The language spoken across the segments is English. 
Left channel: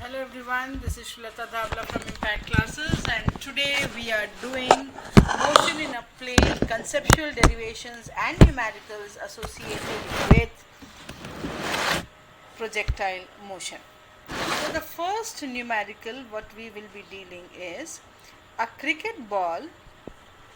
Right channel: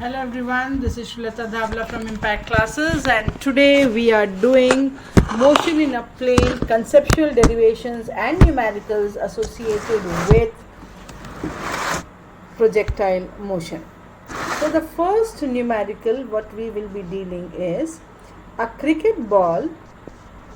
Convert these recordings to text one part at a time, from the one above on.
Hello everyone, this is Shulata Dhavla from Impact Classes, and today we are doing motion in a plane, conceptual derivations and numericals associated with projectile motion. So the first numerical what we will be dealing is a cricket ball.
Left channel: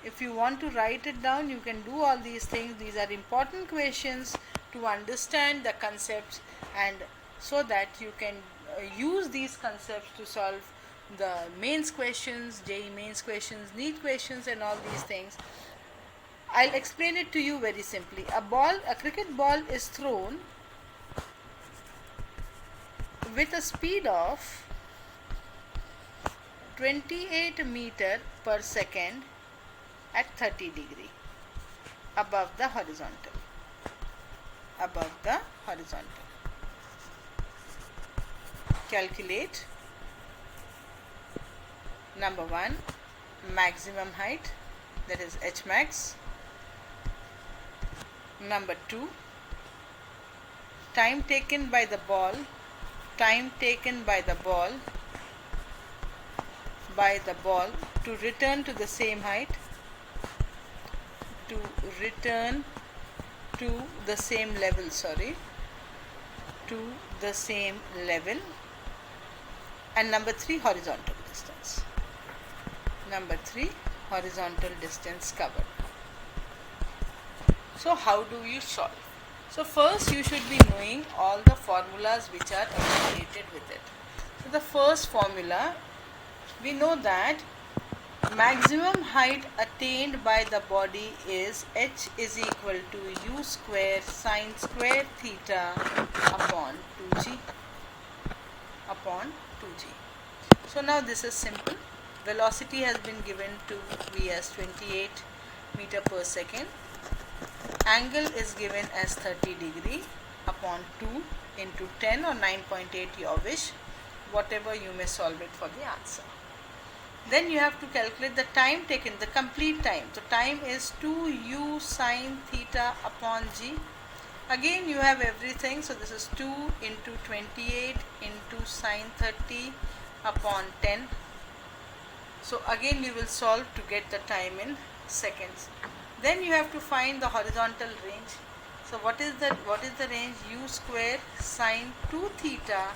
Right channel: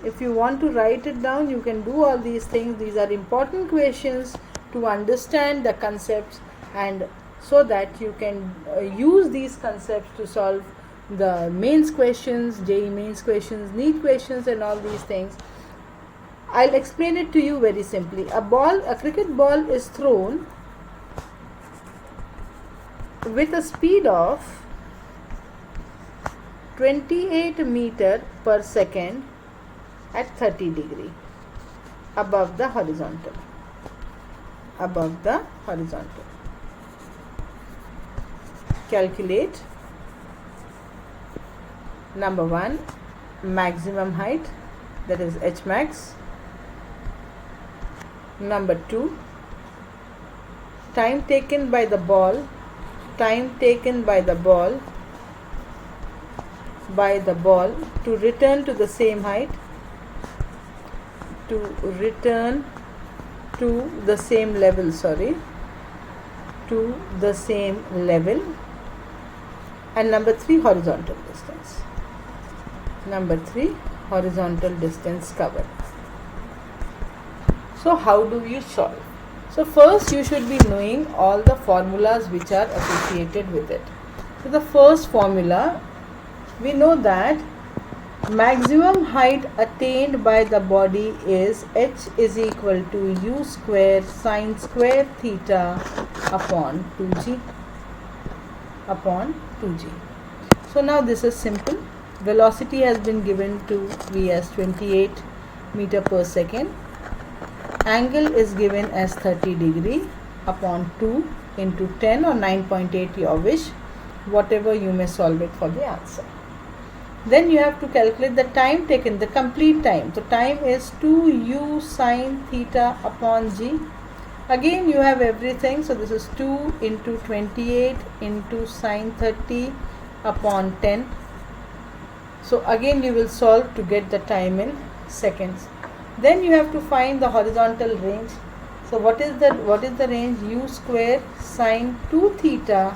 If you want to write it down, you can do all these things. These are important questions to understand the concepts, and so that you can use these concepts to solve the mains questions, JEE mains questions, NEET questions, and all these things. I'll explain it to you very simply. A cricket ball is thrown with a speed of 28 meter per second at 30 degree above the horizontal. Calculate number 1, maximum height, that is h max. Number 2, time taken by the ball to return to the same height, to return to the same level, and number 3, horizontal distance covered. So how do you solve? So first you should be knowing all the formulas which are associated with it. So the first formula, we know that maximum height attained by the body is h is equal to u square sine square theta upon 2g. So now this is simple. Velocity has been given to v as 28 meter per second. Angle is given as 30 degree upon 2 into 10 or 9.8, your wish, whatever you may solve it for the answer. Then you have to calculate the time taken, the complete time. So time is 2u sine theta upon g. Again you have everything. So this is 2 into 28 into sine 30 upon 10. So again you will solve to get the time in seconds. Then you have to find the horizontal range. So what is the range? U square sine 2 theta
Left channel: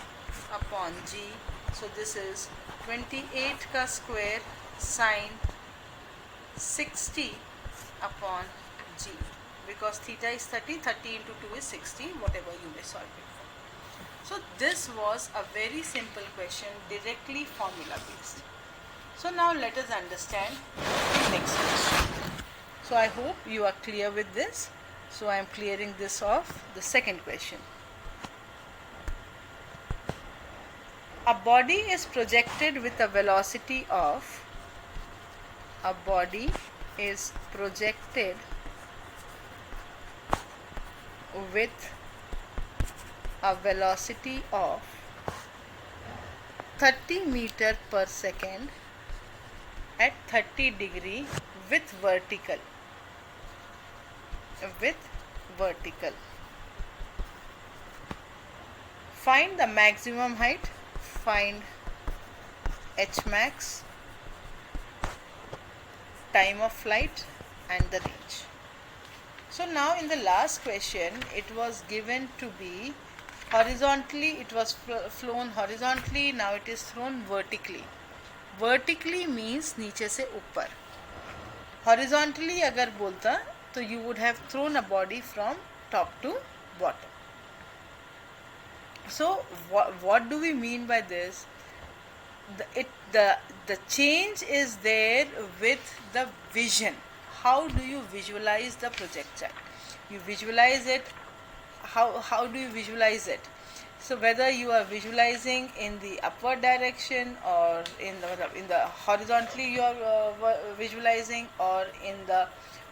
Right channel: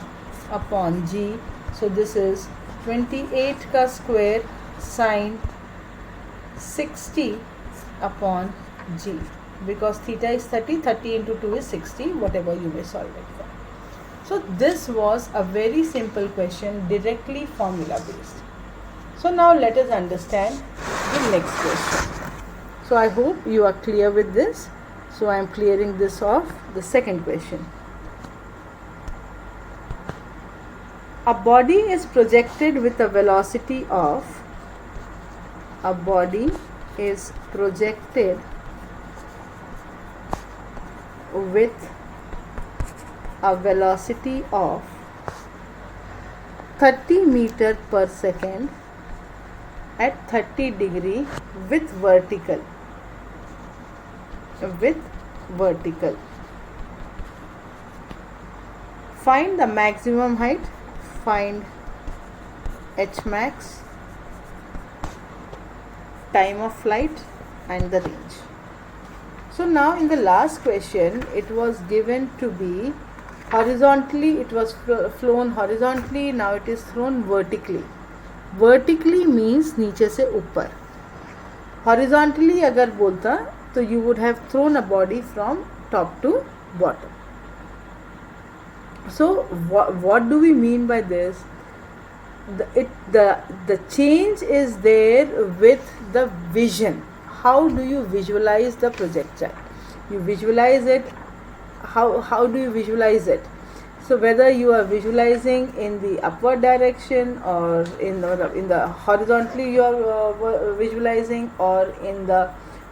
upon g. So this is 28 ka square sine 60 upon g, because theta is 30 into 2 is 60, whatever you may solve it for. So this was a very simple question, directly formula based. So now let us understand the next question. So I hope you are clear with this. So I am clearing this off. The second question. A body is projected with a velocity of a body is projected with a velocity of 30 meter per second at 30 degree with vertical. Find the maximum height, find h max, time of flight, and the range. So now in the last question, it was given to be horizontally, it was flown horizontally, now it is thrown vertically. Vertically means नीचे से ऊपर. Horizontally अगर बोलता तो you would have thrown a body from top to bottom. So what do we mean by this? The change is there with the vision. How do you visualize the projectile? You visualize it. How do you visualize it? So whether you are visualizing in the upward direction or in the horizontally you are visualizing, or in the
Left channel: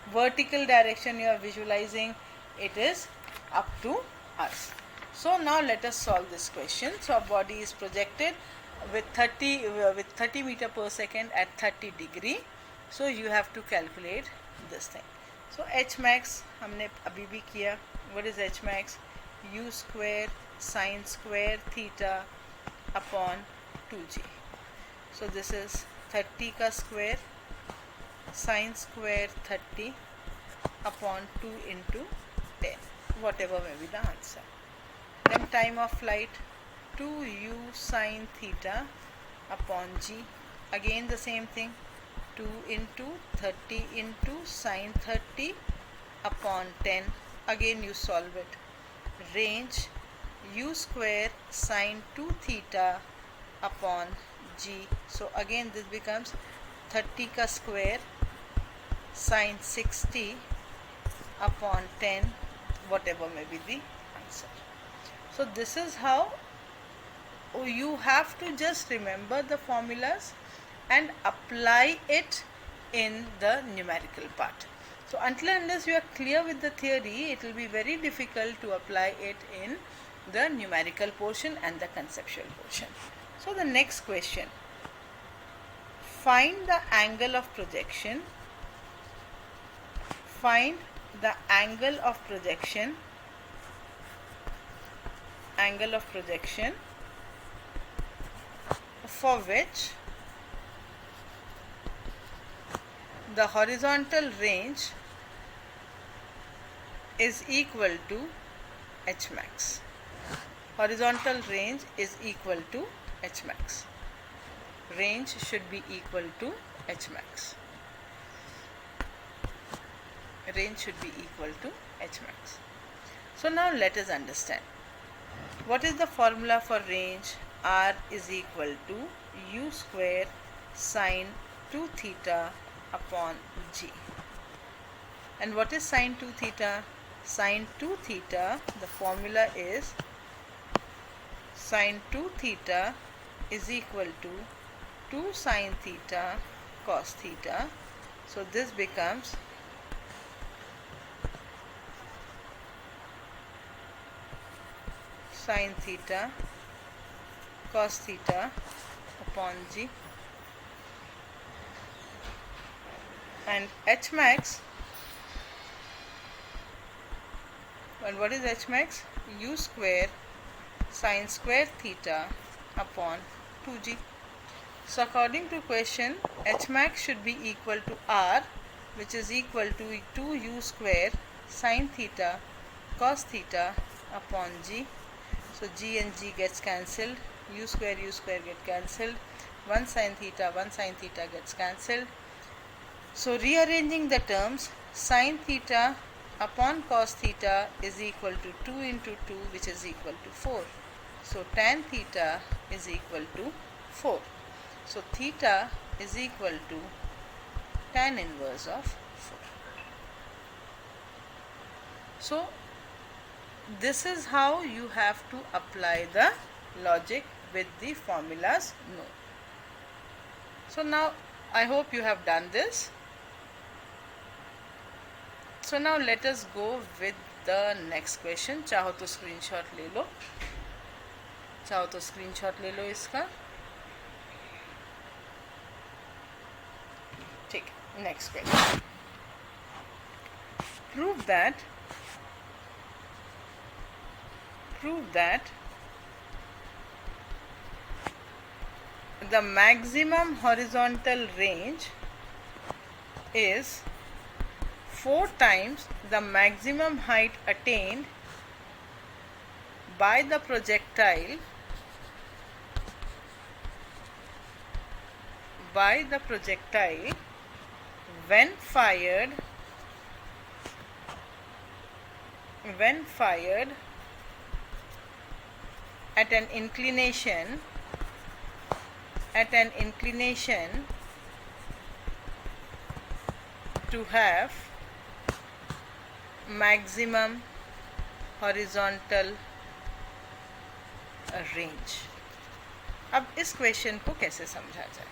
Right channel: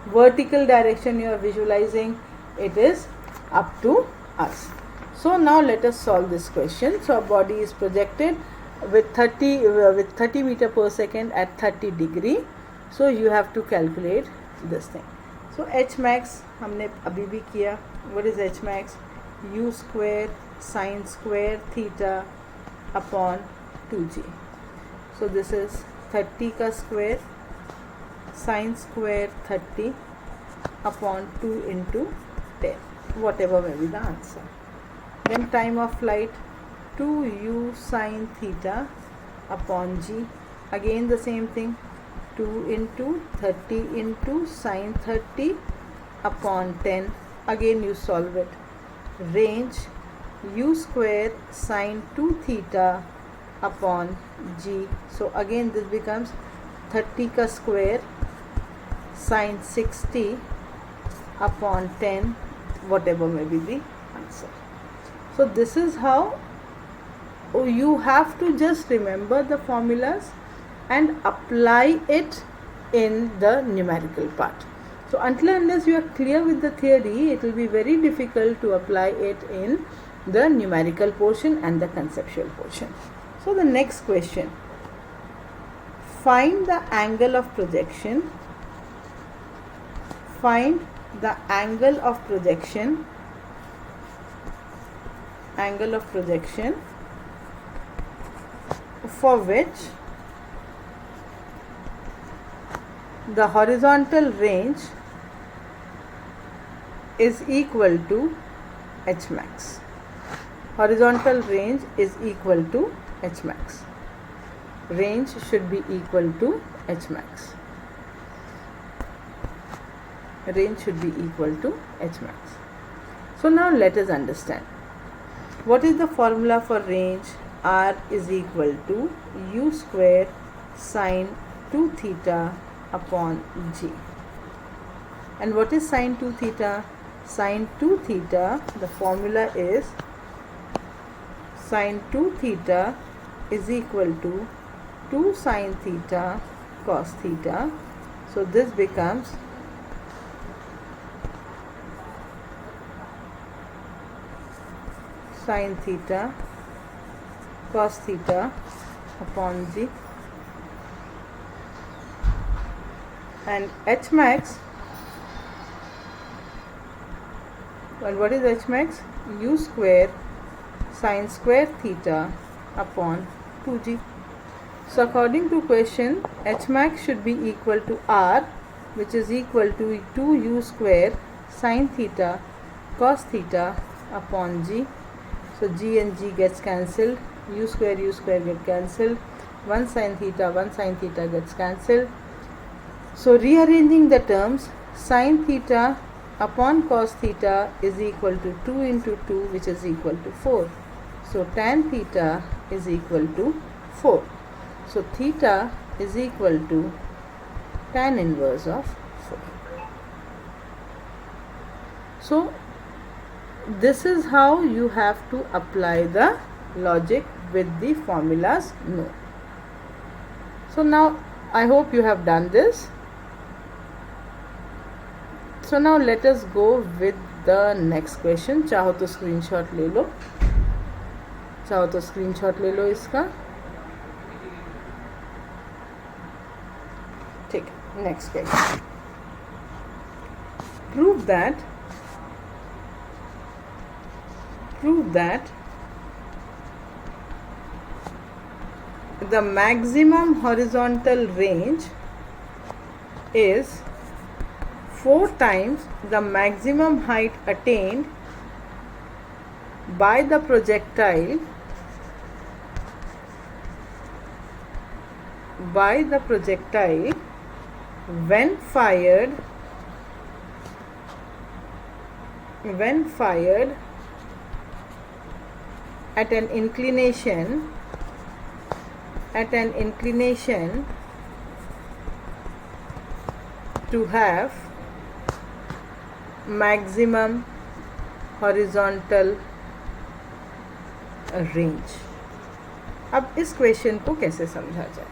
vertical direction you are visualizing, it is up to us. So now let us solve this question. So a body is projected with 30 meter per second at 30 degree. So you have to calculate this thing. So h max हमने अभी भी किया. What is h max? U square sine square theta upon 2g. So this is 30 का square sin square 30 upon 2 into 10, whatever may be the answer. Then time of flight 2u sin theta upon g, again the same thing, 2 into 30 into sin 30 upon 10, again you solve it. Range u square sin 2 theta upon g, so again this becomes 30 का square sin 60 upon 10, whatever may be the answer. So this is how you have to just remember the formulas and apply it in the numerical part. So until and unless you are clear with the theory, it will be very difficult to apply it in the numerical portion and the conceptual portion. So the next question, find the angle of projection. Find the angle of projection for which the horizontal range is equal to h max. Horizontal range is equal to h max. Range should be equal to h max. Range should be equal to h max. So now let us understand. What is the formula for range? R is equal to u square sin 2 theta upon g. And what is sin 2 theta? Sin 2 theta, the formula is sin 2 theta is equal to 2 sin theta cos theta. So this becomes sin theta cos theta upon g, and h max, well, what is h max? U square sin square theta upon 2g. So according to question, h max should be equal to r, which is equal to 2u square sin theta cos theta upon g. So g and g gets cancelled, u square get cancelled, 1 sin theta gets cancelled. So rearranging the terms, sin theta upon cos theta is equal to 2 into 2, which is equal to 4. So tan theta is equal to 4. So theta is equal to tan inverse of 4. So this is how you have to apply the logic with the formulas known. So now I hope you have done this. So now let us go with the next question. चाहो तो screenshot ले लो, इसका. ठीक, next question. Prove that the maximum horizontal range is 4 times the maximum height attained by the projectile when fired at an inclination to have maximum horizontal range. अब इस question को कैसे समझा जाए?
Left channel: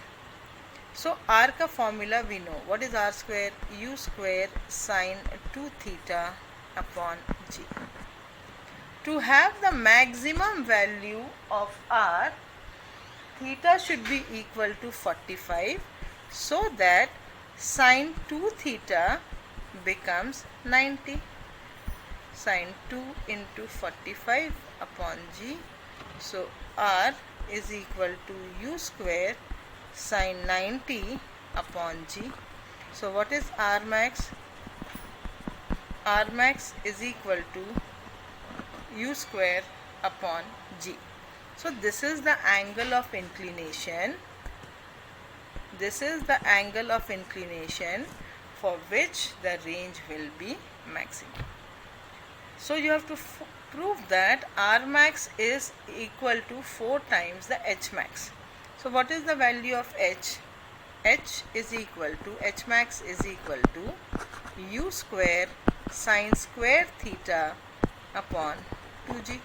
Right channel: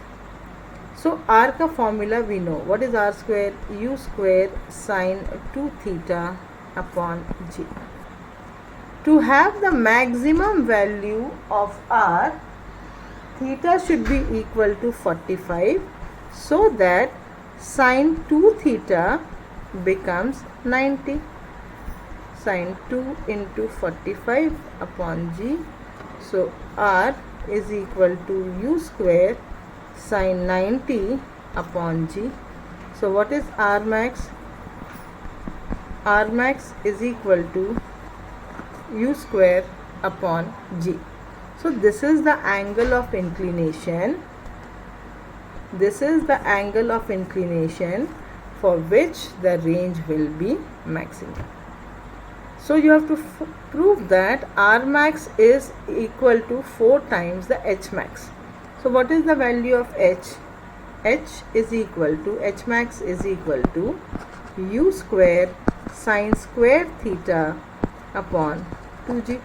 सो आर का formula we know. What is R square? U square sine 2 theta upon g. To have the maximum value of r, theta should be equal to 45, so that sin 2 theta becomes 90. Sin 2 into 45 upon g. So r is equal to u square sine 90 upon g. So what is R max? R max is equal to u square upon g. So this is the angle of inclination. This is the angle of inclination for which the range will be maximum. So you have to prove that R max is equal to 4 times the H max. So what is the value of H? H max is equal to u square sine square theta upon 2g.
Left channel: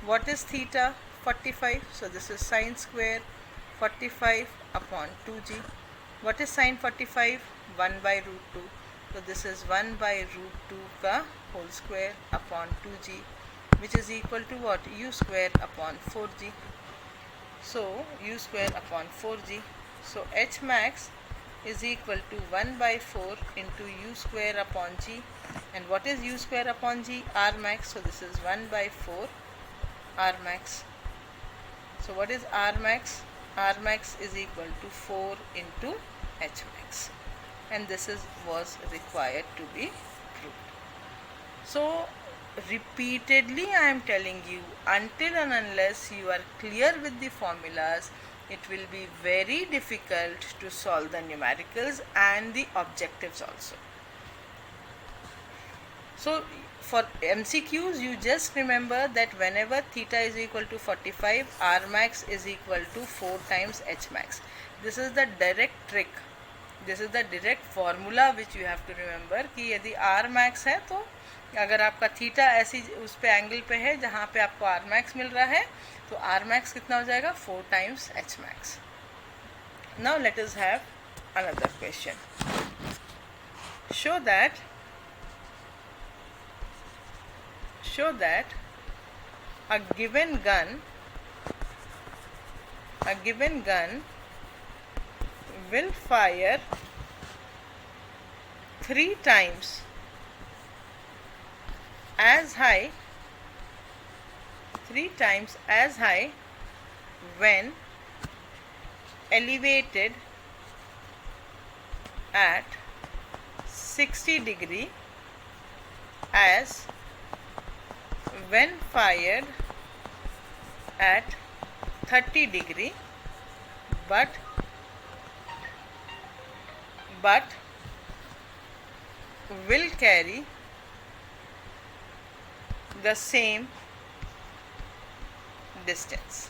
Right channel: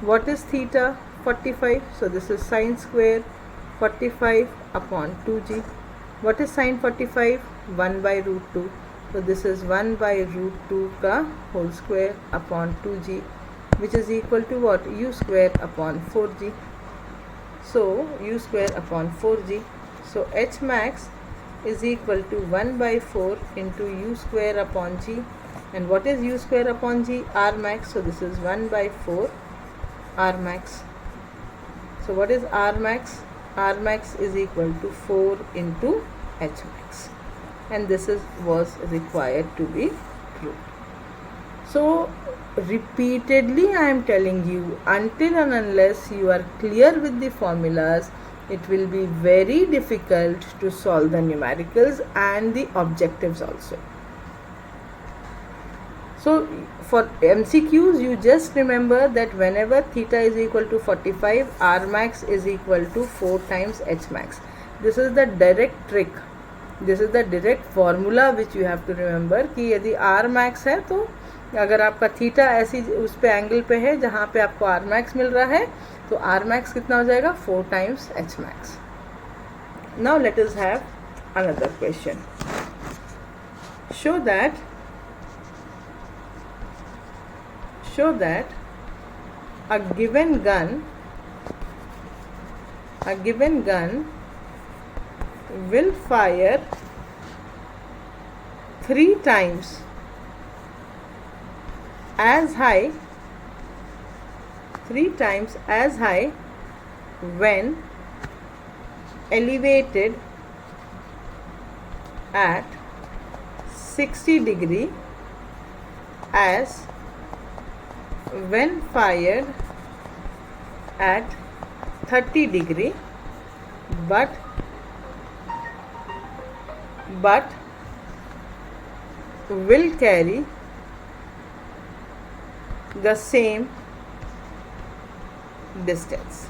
What is theta? 45. So this is sine square 45 upon 2g. What is sine 45? 1 by root 2. So this is 1 by root 2 का whole square upon 2g, which is equal to what? U square upon 4g. So u square upon 4g. So H max is equal to 1 by 4 into u square upon g. And what is u square upon g? R max. So this is 1 by 4 R max. So what is R max? R max is equal to 4 into H max. And this was required to be proved. So repeatedly I am telling you, until and unless you are clear with the formulas, it will be very difficult to solve the numericals and the objectives also. So for MCQs, you just remember that whenever theta is equal to 45, R max is equal to 4 times H max. This is the direct trick. This is the direct formula which you have to remember कि यदि R max है तो अगर आपका theta ऐसी उस पे angle पे है जहाँ पे आपको आर मैक्स मिल रहा है तो आर मैक्स कितना हो जाएगा 4 times H max. Now let us have another question. Show that a given gun will fire 3 times as high when elevated at 60 degree as when fired at 30 degree but will carry the same distance.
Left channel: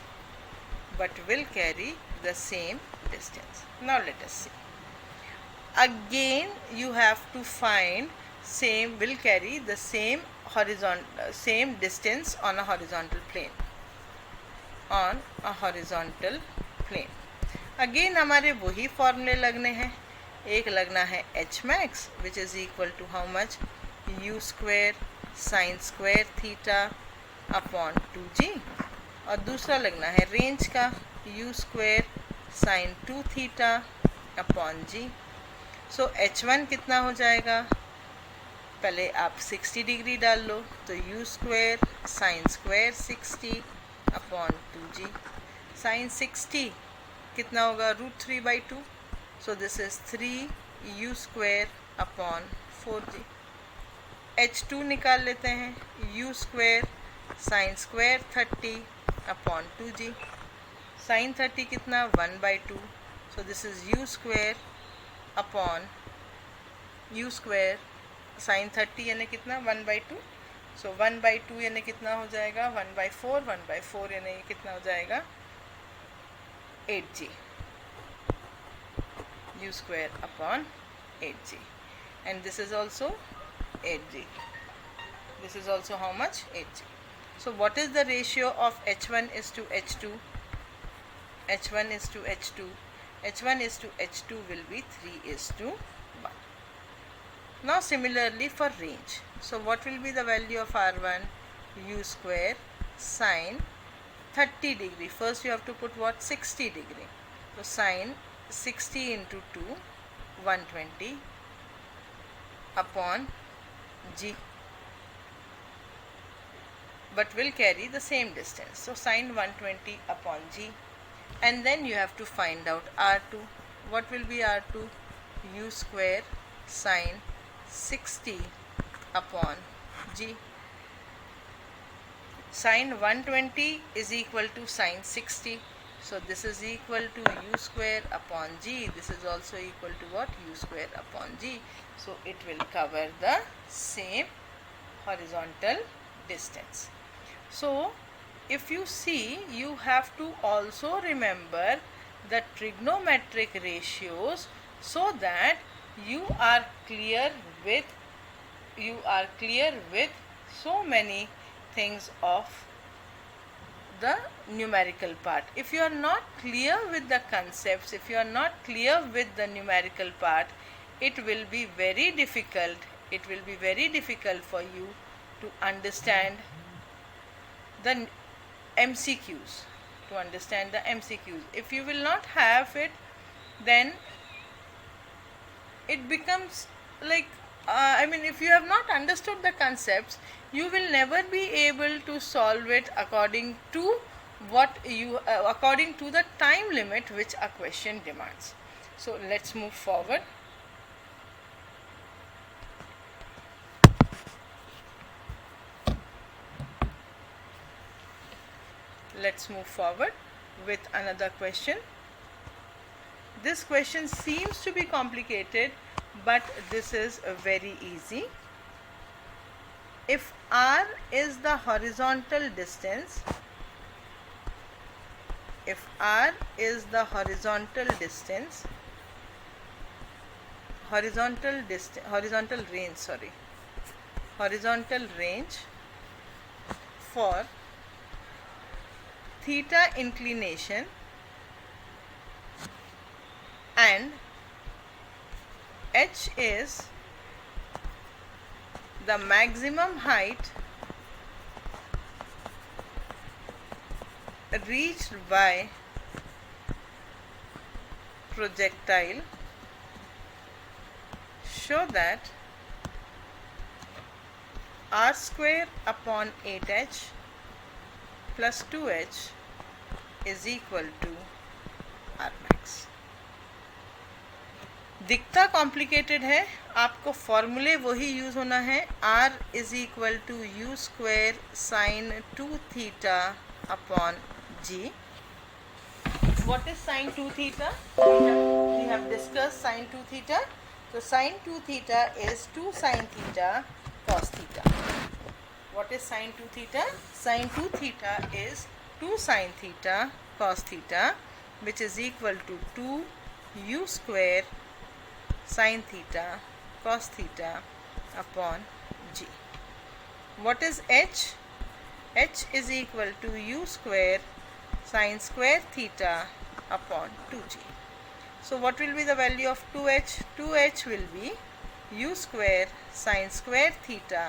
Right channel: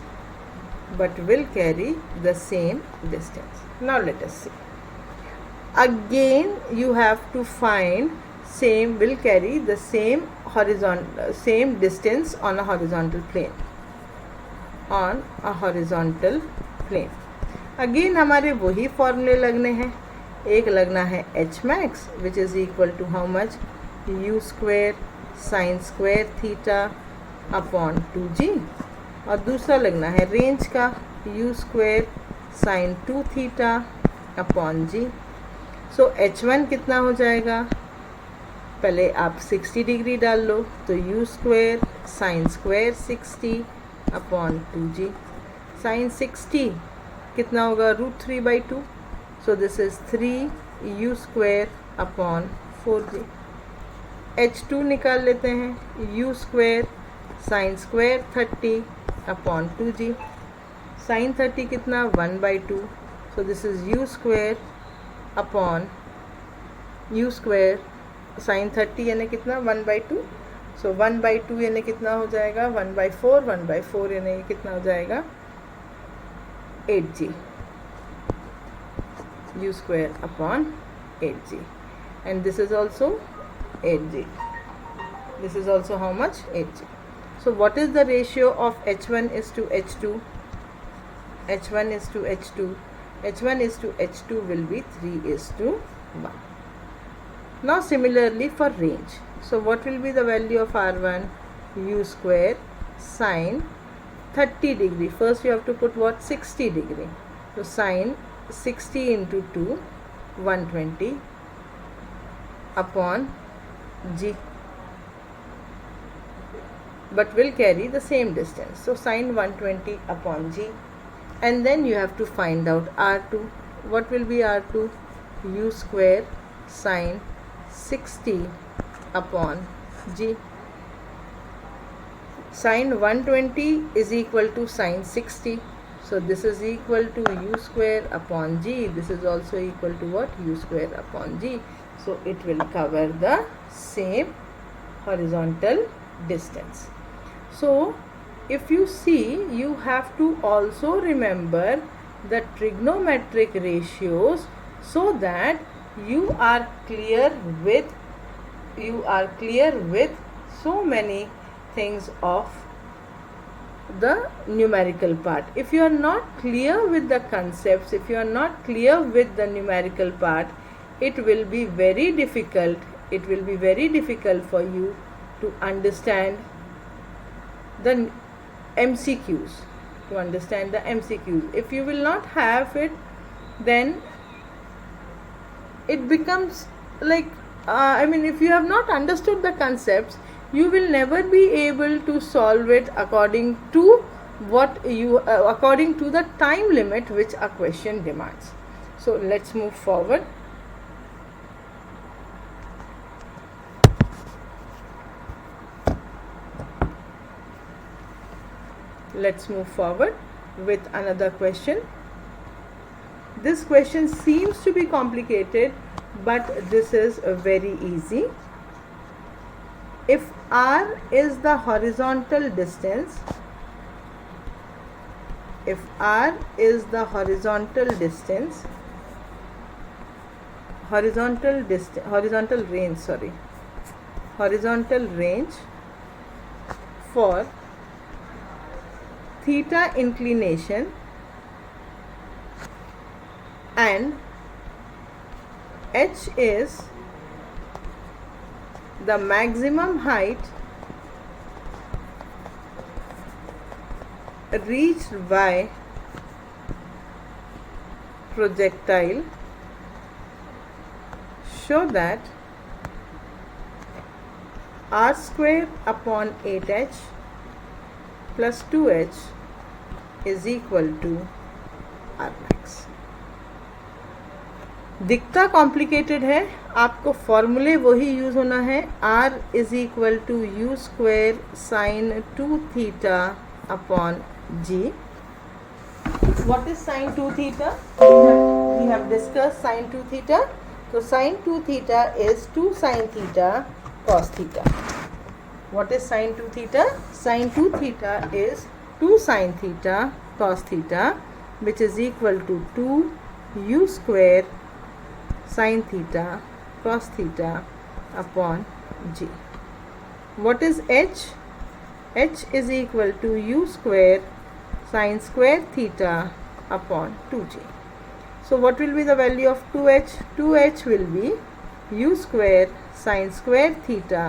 Now let us see. Again you have to find same will carry the same distance on a horizontal plane. Again हमारे वही फॉर्मूले लगने हैं. एक लगना है H max which is equal to how much? U square sine square theta upon 2g. और दूसरा लगना है रेंज का u square sine 2 theta upon g. So h1 कितना हो जाएगा? पहले आप 60 डिग्री डाल लो तो u square sine square 60 upon 2g. Sine 60 कितना होगा? √3/2. So this is 3 u square upon 4g. h2 निकाल लेते हैं. U square sine square 30 upon 2g. Sine 30 कितना? 1/2. So this is u square upon u square sine 30 यानी कितना? 1/2. सो 1/2 यानी कितना हो जाएगा? 1/4. 1/4 यानी कितना हो जाएगा? 8g. u square upon 8g. And this is also 8g. This is also how much? 8g. So what is the ratio of h1 is to h2? h1 is to h2. h1 is to h2 will be 3:1. Now similarly for range. So what will be the value of r1? u square sine 30 degree. First you have to put what? 60 degree. So sine 60 into 2 120 upon g. but will carry the same distance. So sine 120 upon g, and then you have to find out r2. What will be r2? U square sine 60 upon g. Sine 120 is equal to sine 60. So this is equal to u square upon g. This is also equal to what? U square upon g. So it will cover the same horizontal distance. So if you see, you have to also remember the trigonometric ratios so that you are clear with so many things of the numerical part. If you are not clear with the concepts, if you are not clear with the numerical part, it will be very difficult. It will be very difficult for you to understand the MCQs. If you will not have it, then it becomes like if you have not understood the concepts, you will never be able to solve it according to according to the time limit which a question demands. So let's move forward. Let's move forward with another question. This question seems to be complicated, but this is very easy. If r is the horizontal distance, horizontal range for theta inclination and h is the maximum height reached by projectile, show that r square upon 8h plus 2h is equal to r max. दिखता complicated है, आपको फॉर्मूले वही use होना है. r is equal to u square sine 2 theta upon g. What is sine 2 theta? We have discussed sine 2 theta. So sine 2 theta is 2 sine theta cos theta. What is sine 2 theta? Sine 2 theta is 2 sine theta cos theta, which is equal to 2 u square sin theta cos theta upon g. What is h? H is equal to u square sin square theta upon 2g. So what will be the value of 2h? 2h will be u square sin square theta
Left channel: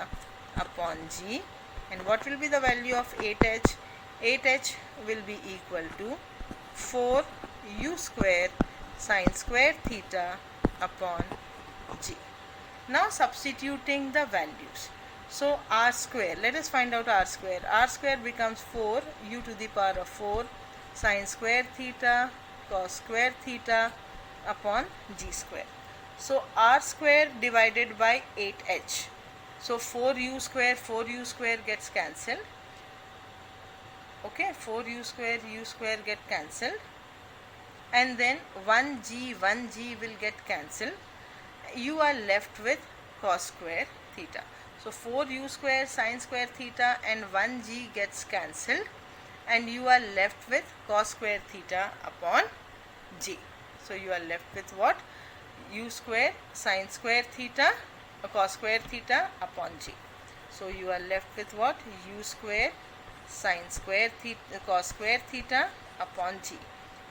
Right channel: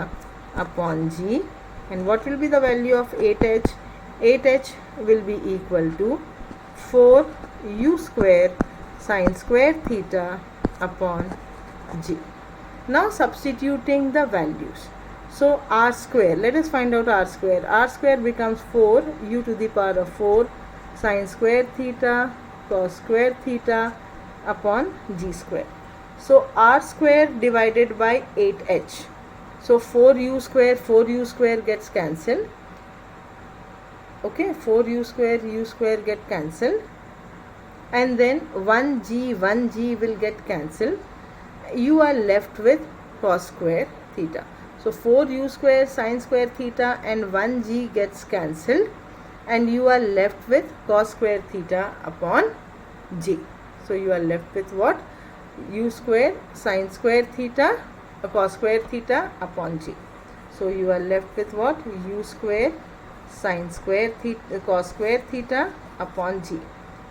upon g. And what will be the value of 8h? 8h will be equal to 4 u square sin square theta upon g. Now substituting the values. So r square, let us find out r square. R square becomes 4 u to the power of 4 sin square theta cos square theta upon g square. So r square divided by 8h. So 4u square gets cancelled. Okay, 4u square get cancelled. And then 1g will get cancelled. You are left with cos square theta. So 4u square sin square theta and 1g gets cancelled, and you are left with cos square theta upon g. So you are left with what? U square sin square theta cos square theta upon g. So you are left with what? U square sin square theta cos square theta upon g.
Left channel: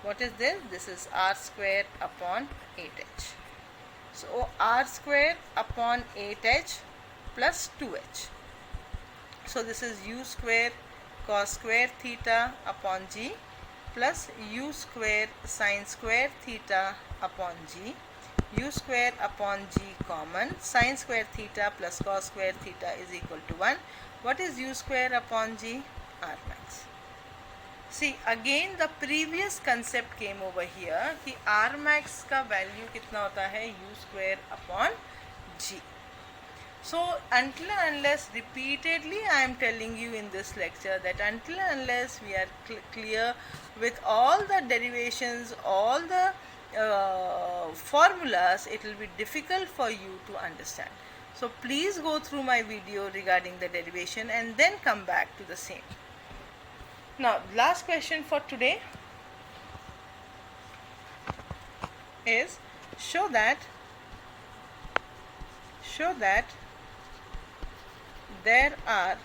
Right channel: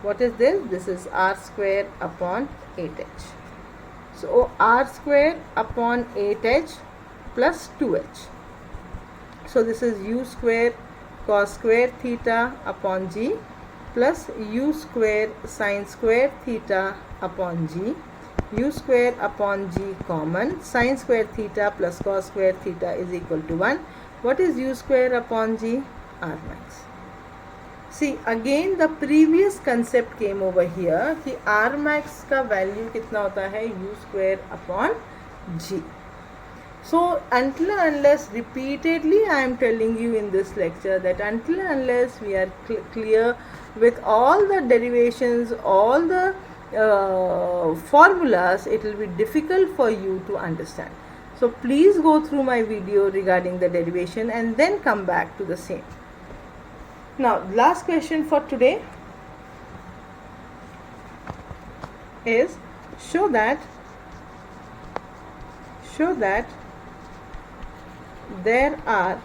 What is this? This is r square upon 8h. So r square upon 8h plus 2h. So this is u square cos square theta upon g plus u square sin square theta upon g. U square upon g common. Sin square theta plus cos square theta is equal to 1. What is u square upon g? R max. See, again the previous concept came over here कि R max का value कितना होता है? U square upon G. So until and unless repeatedly I am telling you in this lecture that until and unless we are clear with all the derivations, all the formulas, it will be difficult for you to understand. So please go through my video regarding the derivation and then come back to the same. Now last question for today is show that there are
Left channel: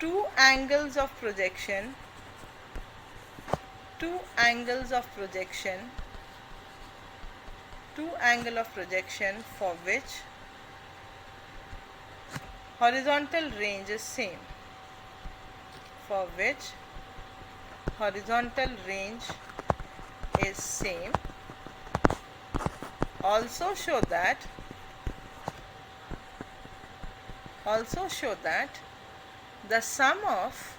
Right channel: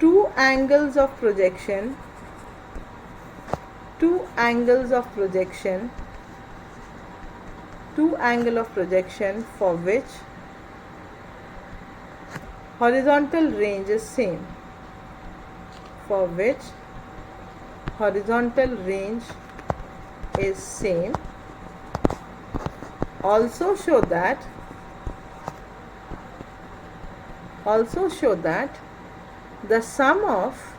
two angles of projection for which horizontal range is same. Also show that the sum of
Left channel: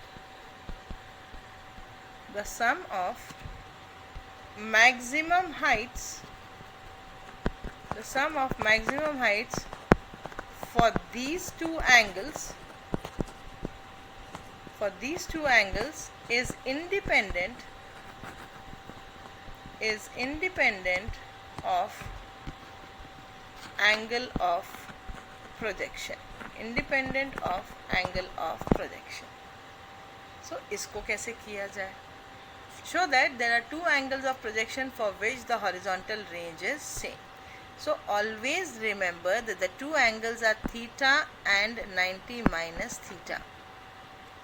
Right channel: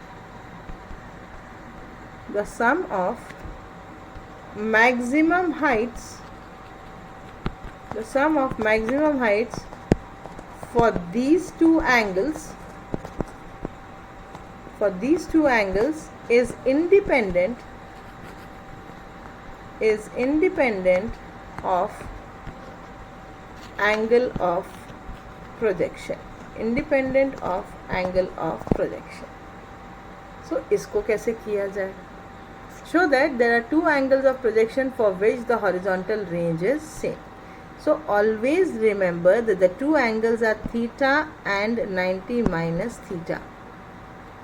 maximum heights for these two angles is independent of angle of projection. So इसको कैसे किया जाए? Show that there are two angles of projection for which the horizontal range is same. So always remember that the two angles are theta and 90 minus theta,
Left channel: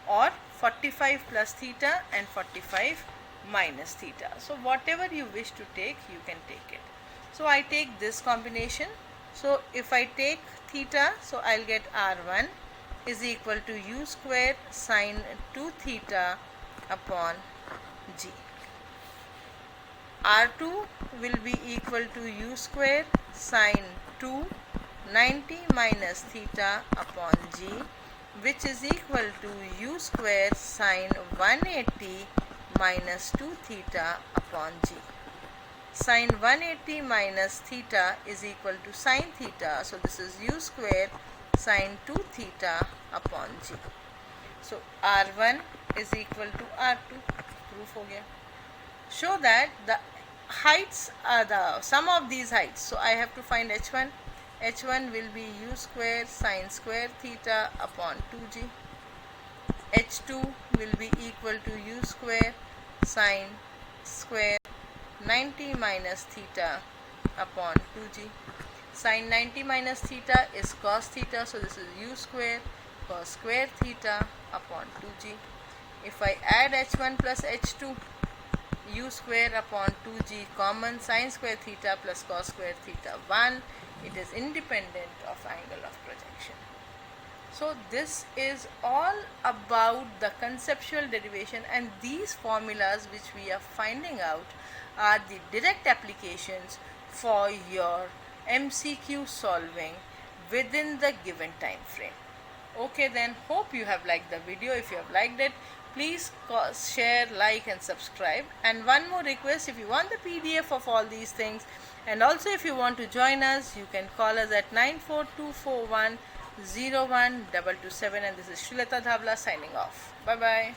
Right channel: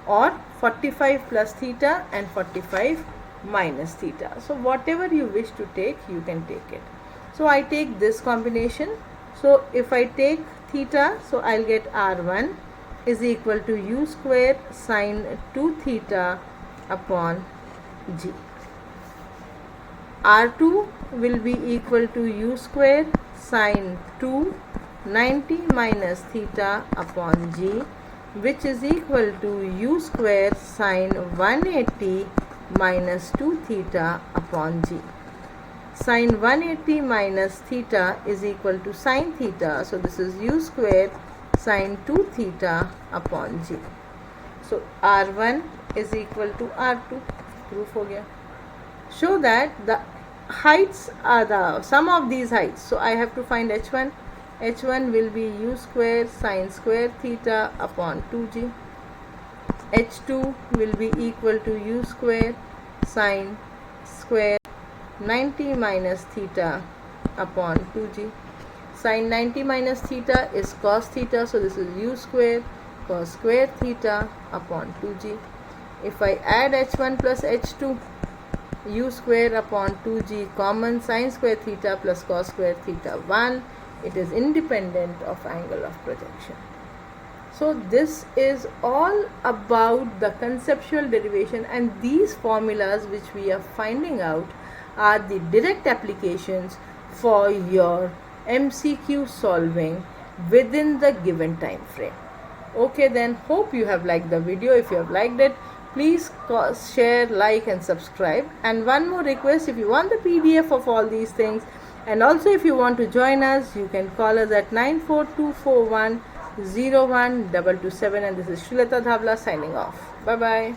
or 45 plus theta and 45 minus theta. So whatever you wish to take, you can take it. So I take this combination. So if I take theta, so I'll get R1 is equal to u square sine 2 theta upon g. R2 will be equal to u square sine 2 90 minus theta upon g, which is equal to u square sine 180 minus 2 theta upon g. Sine 180 minus theta is equal to sine theta, so this is u square sine 2 theta upon g. So R1 is equal to R2. Proof हो गया. Show that the heights are the sum of these heights. So I have to find h1. h1 will be u square sine square theta upon 2g. h2 will be equal to u square sine square 90 minus theta upon 2g. Sine 90 minus theta is cos theta, so this is u square cos square theta upon 2g. If I add h1 plus h2, u square upon 2g common, sine square theta plus cos square theta 1, it is independent of angle of projection. So this is all about the conceptual derivation, and these formulas which we are finding out are the direct applications for your MCQ solving within the given time frame. Okay, then hope you have liked the video. If you have liked it, please share, like and subscribe. And one more request, if you want the PDF of all these things, and also if you want to join us, you can call us at 94241 01227, and this is Srilata Dhavla signing off. Bye bye.